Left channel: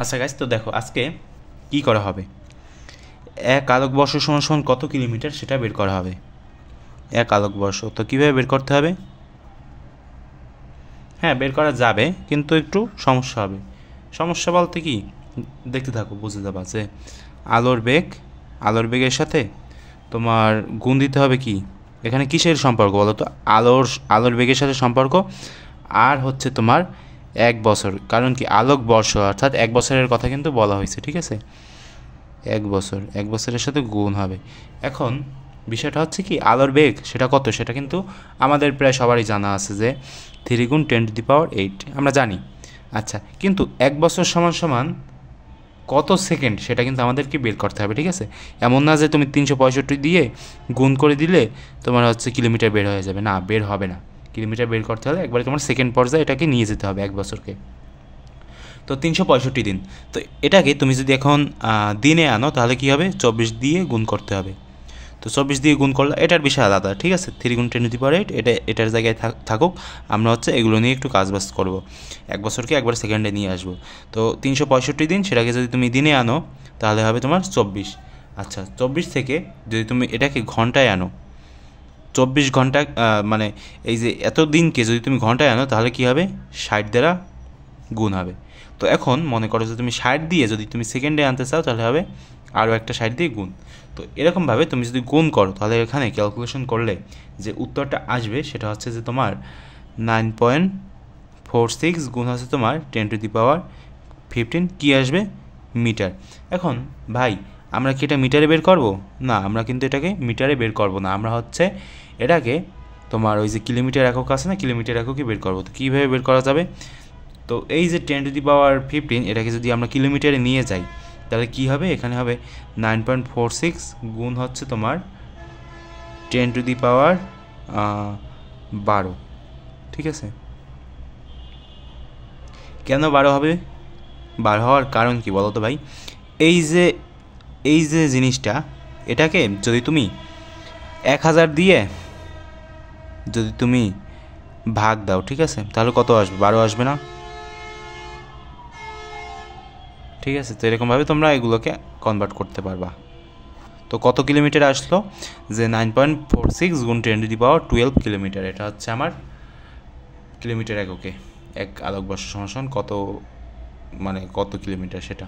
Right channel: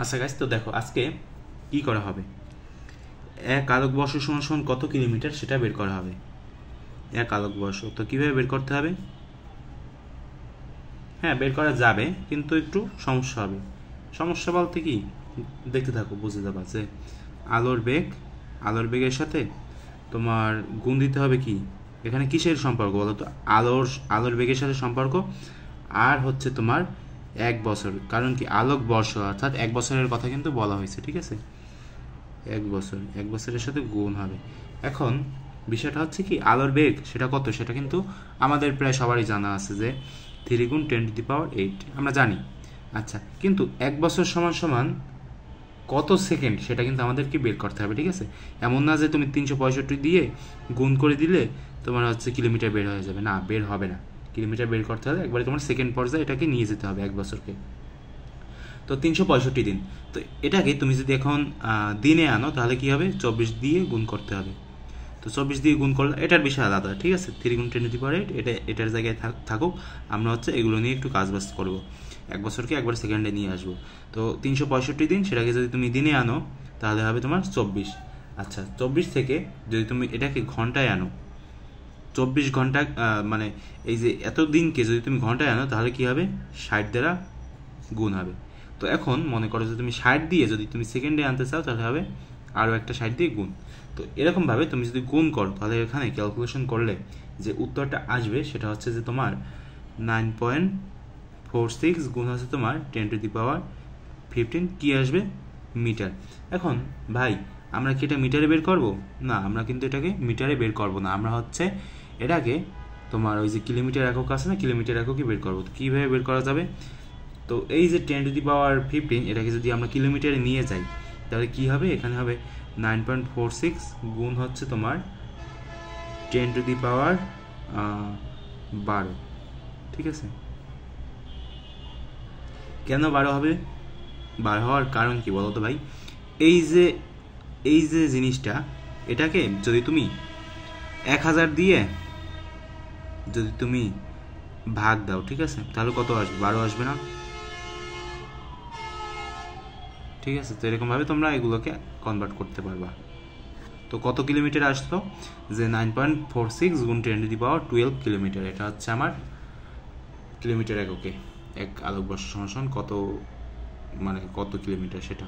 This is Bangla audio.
আচ্ছা গাইস, তো দেখো আজকে কি করা হবে। এক আলোকবর্ষ সমান সমান কত কিলোমিটার সেটা বের করা হবে। এক আলোকবর্ষ তো কীভাবে বের করতে হবে? হ্যাঁ, বের করা যাবে, কিন্তু একটু সমস্যা হবে। সমস্যা বলতে কি, দেখতে থাকো বুঝতে যাবা যে আলোর বেগের সাথে তোমার গুণ দিতে হবে কি, এখানে কিসের সম্পর্ক বলো তো? আলোর বেগের সাথে সম্পর্ক, আর হচ্ছে তোমার 1 বছর। কারণ কি, আলোক বর্ষ অর্থাৎ 1 বছরের কথা কিন্তু বলা হয়েছে, ঠিক আছে? 1 বছরের সাথে গুণ হবে। এখন বিষয়টা হচ্ছে কি, আলোর বেগ সেটা কত, সেটা কিন্তু আমাদের প্রায় সবারই জানা আছে যে 3 × 10⁸ আমরা জানি। আচ্ছা, কিন্তু 1 বছর সমান সমান কত সেকেন্ড সেটা কিন্তু আমাদেরকে বের করতে হবে, ঠিক আছে? এমন না যে তুমি 365 দিয়ে গুণ করে দিলে তোমার হচ্ছে কিলোমিটার বের হয়ে যাবে, না, বের হবে না। কিলোমিটার বের করতে হলে একবারে তোমার সেকেন্ড পর্যায়ে এটাকে নিয়ে যেতে হবে 1 বছরকে। তো 365 দিন, তো এটাকে তুমি যদি এখন দিনে আনো তাহলে কী হবে, 24 দিয়ে গুণ করতে হবে। তো 24 দিয়ে গুণ করলে এটার বিষয় আলাদা, ঠিক আছে? 3 × 10⁸ এটার জায়গায় থাকুক, আমরা হচ্ছে এগুলো নিয়ে একটু কাজবাজ করবো। 1 বছরকে একবার সেকেন্ডে নিয়ে আসবো। তো 365 দিন, সেটাকে যদি তুমি দিনে আনো তাহলে হবে তোমার 24। আচ্ছা, 24 থেকে যদি তুমি এটাকে ঘন্টায় আনো, 24 ঘন্টা মানে এই যে এত দিনকে যদি তুমি ঘন্টায় আনো তাহলে কী হবে, 60 দ্বারা গুণ হবে। তো এখন মনে করো যে তুমি 60 দিয়ে যদি তুমি সেকেন্ডে আনতে চাও তাহলে হবে আরও একটা 60 দিয়ে গুণ। তো এরকমভাবে তুমি যদি গুণ করো তাহলে এখানে ক্যালকুলেশন করলে যে উত্তরটা আসবে সেটা হচ্ছে যে তোমার 9.46 গুণ হচ্ছে তোমার 10⁻15 কী আসবে, মিটার। এখন ভাই, আমরা কি এটা মিটারে বের করব? না, আমরা কিন্তু এটাকে মিটারে বের করব না, আমরা হচ্ছে এটাকে তোমার ওই যে কিলোমিটার একক আছে না, কিলোমিটার এককই বের করবো। তো কীভাবে বের করা যাবে? তো এই যে 10⁻15 এটাকে যদি আমরা কিলোমিটারে নিয়ে যাই তাহলে কি হবে, এখানে হবে 9.46 গুণ হচ্ছে তোমার 10⁻12, ঠিক আছে? কেন 12 হবে? 12 হওয়ার কারণ কি বলো তো ভাই? এই যে জিনিসটা, এটাকে যদি তুমি 1000 দিয়ে যদি তুমি ভাগ দাও, ঠিক আছে, তাহলে কত আসবে? 12 আসবে না? ঠিক আছে, তো এরকমভাবে তোমরা এগুলোকে কনভার্ট করতে পারবা। তো কত কিলোমিটার আসলো, যে 9.46 গুণ 10⁻12 কিলোমিটার, এটা হচ্ছে আমার কিলোমিটার এককে। এক আলোকবর্ষ সমান কত, মানে কত কিলোমিটার সেটা।